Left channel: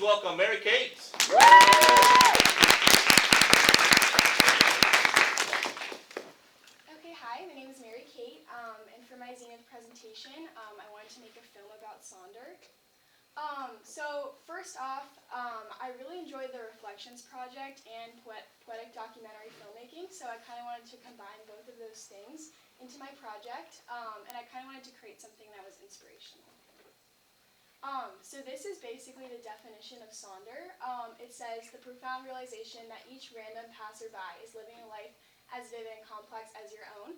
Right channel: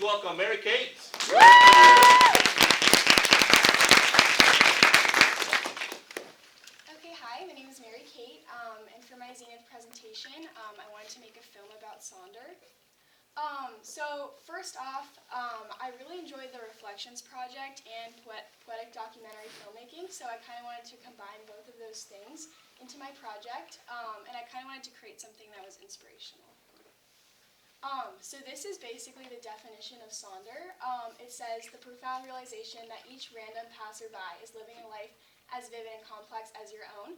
please welcome Mary Kate. Okay, hi, my name is Mary Kate, and for my Zenith presentation, I wanted to make a film about Sonder. So first off, I really enjoyed the Reflections project and poetic documentary filmmaking, so I kind of wanted to combine both of those things into my project, and I kind of wanted to create something that was inspirational. So this is basically the definition of Sonder. It says, the profound realization that each random passerby is living a life as vivid and complex as your own,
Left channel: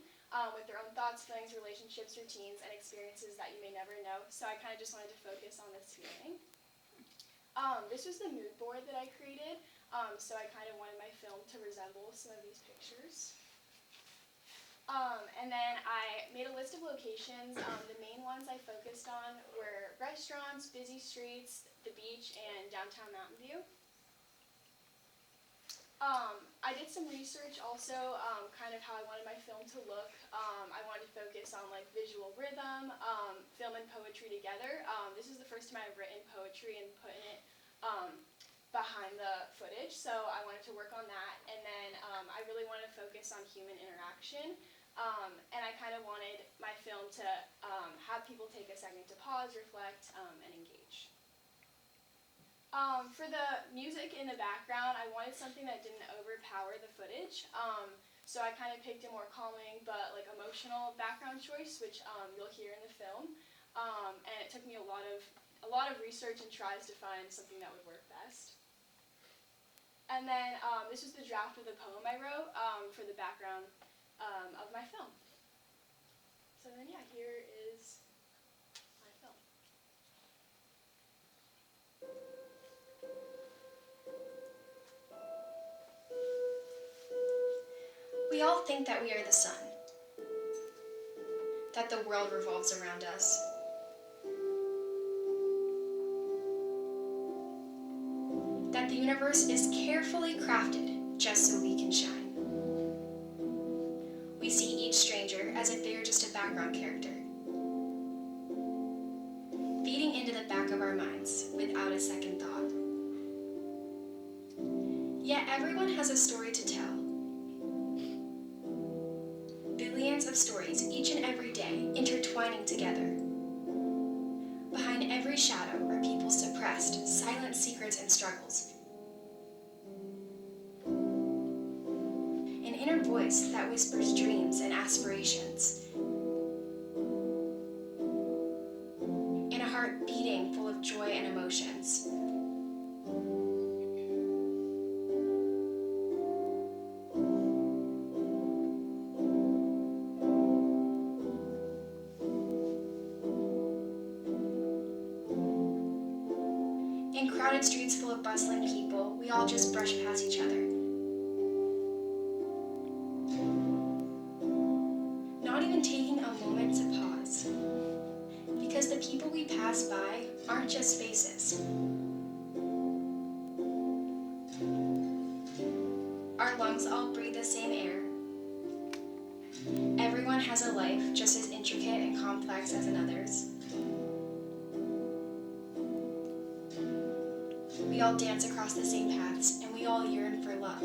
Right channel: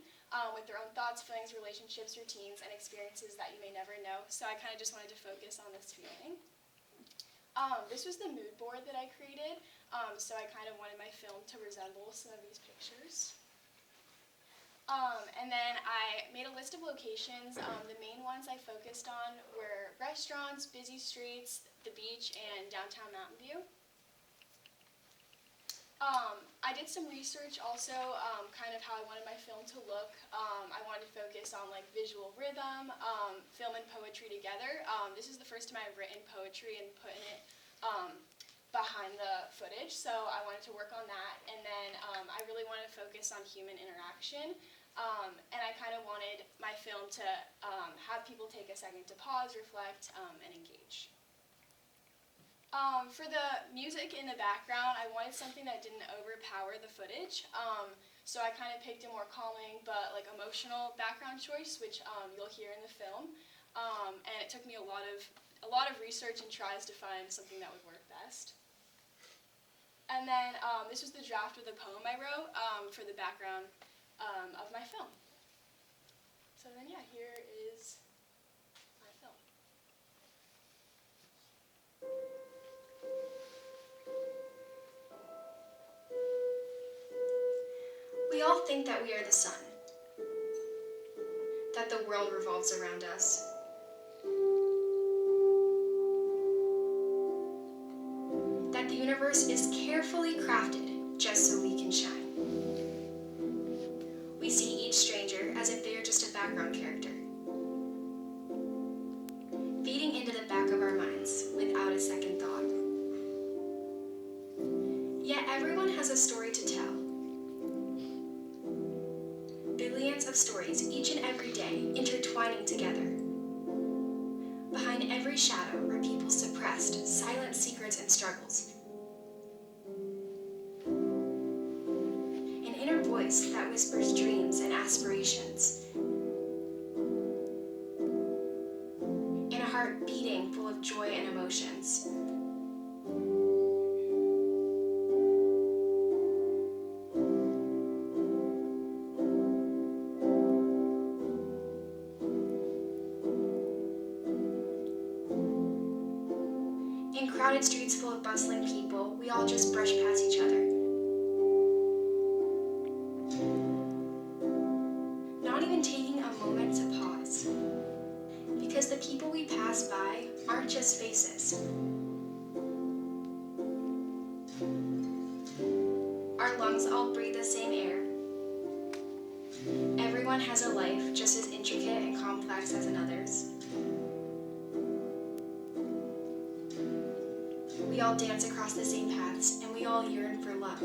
with their own thoughts, feelings, relationships, routines, and experiences that you may never know. So I kind of just wanted to focus on this feeling. This was the mood board that I created, so I kind of wanted my film to resemble some of these pictures. And then I made a list of locations. The main ones I focused on were restaurants, busy streets, the beach, and downtown Mountain View. I did some research also, kind of how I wanted my film to look. I wanted to focus on like visual rhythm, film and poetry together. This is the first time I've written poetry and putting it behind the footage, so I wanted to work on that. And then I really wanted to focus on human interaction, and I kind of wanted my film to have people take a second to pause, reflect, and engage. For the music in the background, I wanted something that didn't overpower the footage, so I kind of picked a more calming but like emotional background choice, which you'll hear in the film. And it took me a lot of research and tries to find something that would work best. And then this was the draft of the poem I wrote for the background of my film. So then yeah, here is my film. We all think that we are the sun, that the world revolves around us. That the universe is carefully crafted just so we can shine. We see each stranger as if they are just a background character, feeding into the back of our minds without a second thought. Yet everyone has a story to tell. Billions of stories each and every day intertwining together. Behind every shadow are people's suppressed, silent secrets and struggles. An inner voice that whispers dreams and aspirations. And a heart beating full of joy and emotions. In crowded streets full of bustling people, we all just brush past each other. Not even taking a moment to pause. Because the people we pass by aren't just faces. Our lungs all breathe the same air. Everyone has a life just as intricate and complex as another's. We all dance across the same paths, and we all yearn for love.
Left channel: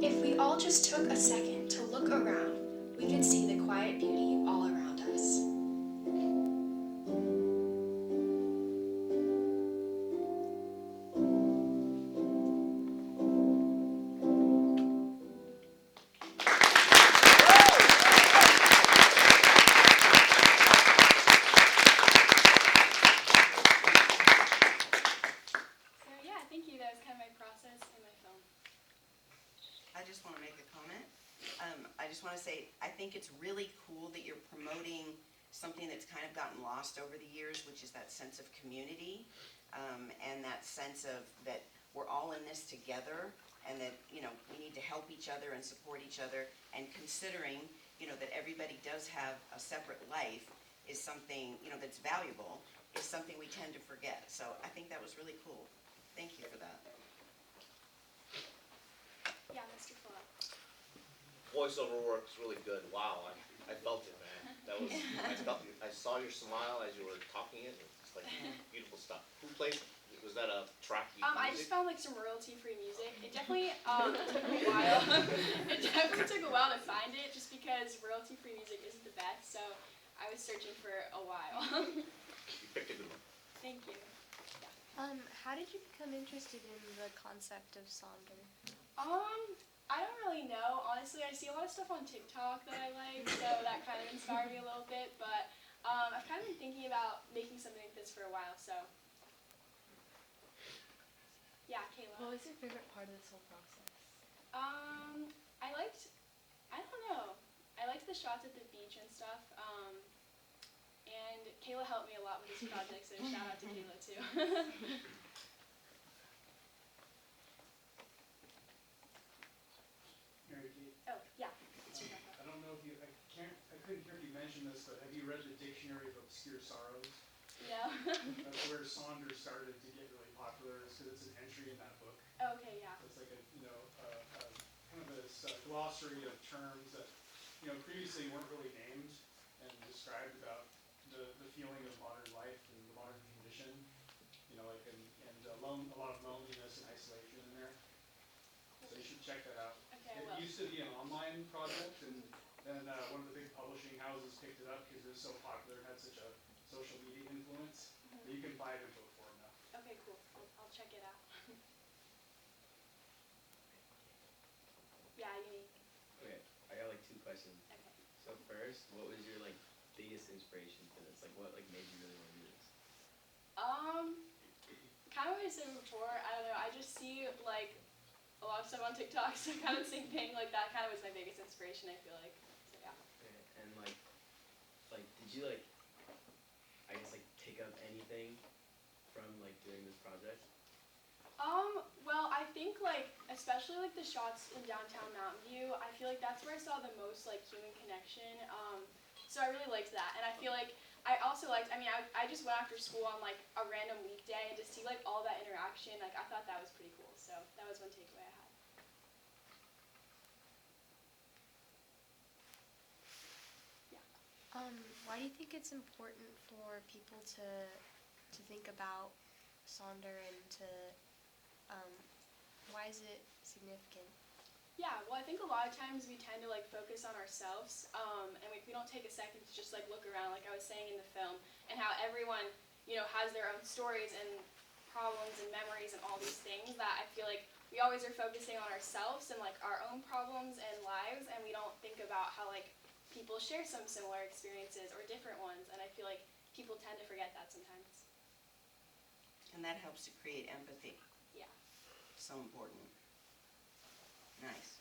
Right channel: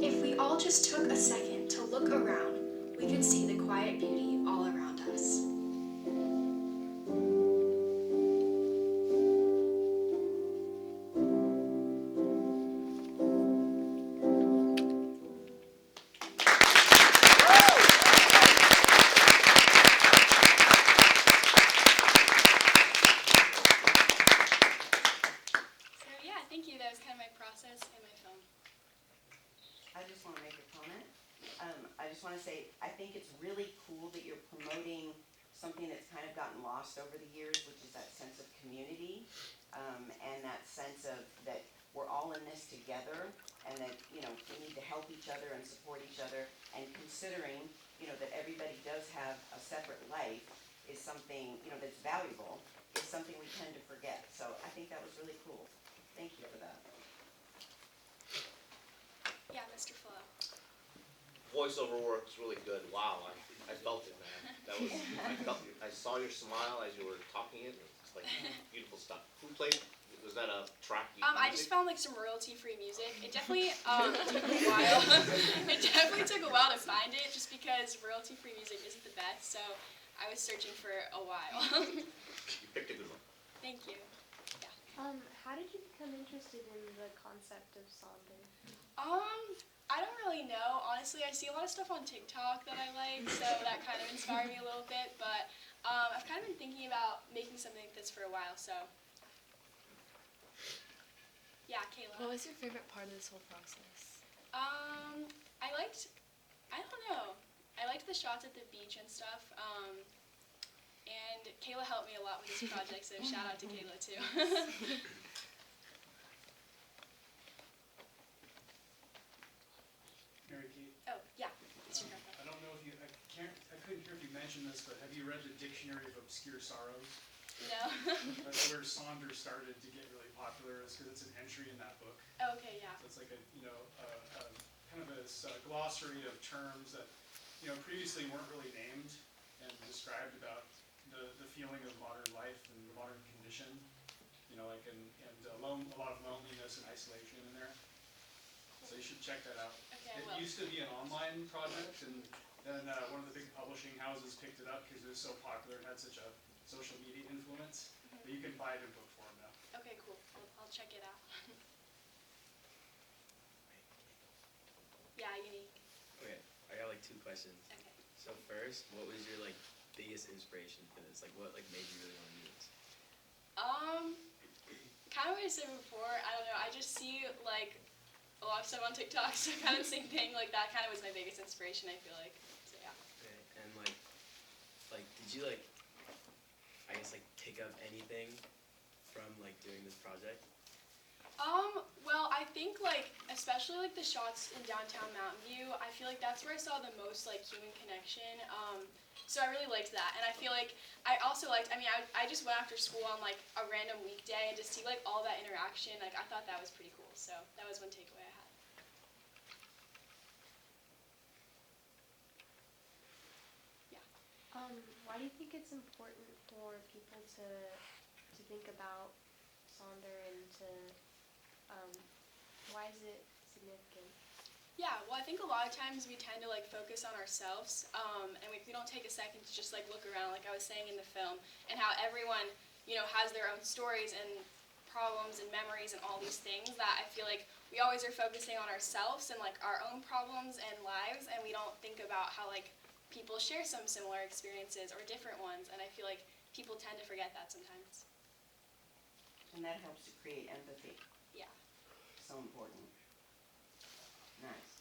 If we all just took a second to look around, we could see the quiet beauty all around us. Thank you. That was kind of my process and my film. I just want to make a comment. I just want to say, I think it's really cool that you're promoting something that's kind of gotten lost over the years, which is that sense of community, and that sense of that we're all in this together, and that, you know, we need to help each other and support each other, and considering, you know, that everybody does have a separate life is something, you know, that's valuable, is something we tend to forget. So I think that was really cool. Thank you for that. Yeah, Mr. Fuller. voiceover work is really good. Wow, I felt it, man. That was I saw your smile as you were talking it. It's like beautiful stuff. Who played? Was that a track you I just found like some royalty-free music. It definitely took a while. It definitely took a while to find it, just because royalty-free music isn't the best. So I was searching for a while. You picked a good one. Thank you. How did you become interested in the concept of Sonder? I don't really know. Honestly, I see a lot of stuff on TikTok that I like, so that kind of inspired me a little bit. But I've kind of been thinking about making something like this for a while. So yeah, Kayla. What was your favorite part of this whole process? I don't know. I liked the shots at the beach and stuff. And Kayla helped me a lot with this project, so shout out to Kayla too. Mary Kate, Oh, yeah. It's Rebecca. I don't know if you, I couldn't hear if you mentioned this, but have you read the Dictionary of Obscure Sorrows? No. That's where Sonder started to get really popular, is because it's an entry in that book. Okay, yeah. So it's like a, kind of a glossary of terms that, previously weren't really named and described about the feeling of modern life and the modern condition, and a lot of loneliness and isolation in there. So you should check that out. Okay, It well. used to be an online project, and then one of the big publishing houses picked it up because it was so popular and had such a social media influence. But you can buy it in book form now. Okay, cool. I'll check it out. Yeah, unique. Okay, I got like 2 questions. Okay. So first, what was your like biggest inspiration for this? Like what like made you really want to do this? Kind of what I said before. I don't know. I just see like a lot of stuff on TikTok, so kind of the same thing. Like that kind of was my biggest inspiration. I feel like. So yeah. Okay, and like did you like I guess like pick up anything from like doing this project? Well, I think like especially like the shots in downtown Mountain View, I feel like that's where I saw the most like human connection. So I really liked that, and I feel like I also liked. I mean, I just went after school on like a random weekday and just see like all that interaction. Like I thought that was pretty cool. So that was one takeaway I had. Why do you think it's important for people to think about Sonder and to why is it significant? Yeah, well, I think a lot of times we tend to like focus on ourselves, and we don't take a second to just like look around, like I was saying in the film, and how everyone, has their own stories and problems and memories and all these things that I feel like we always are focusing on ourselves and like our own problems and lives, and we don't think about how like people share some similar experiences or different ones, and I feel like people tend to forget that sometimes. And that helps to create empathy. Yeah. So important. Nice.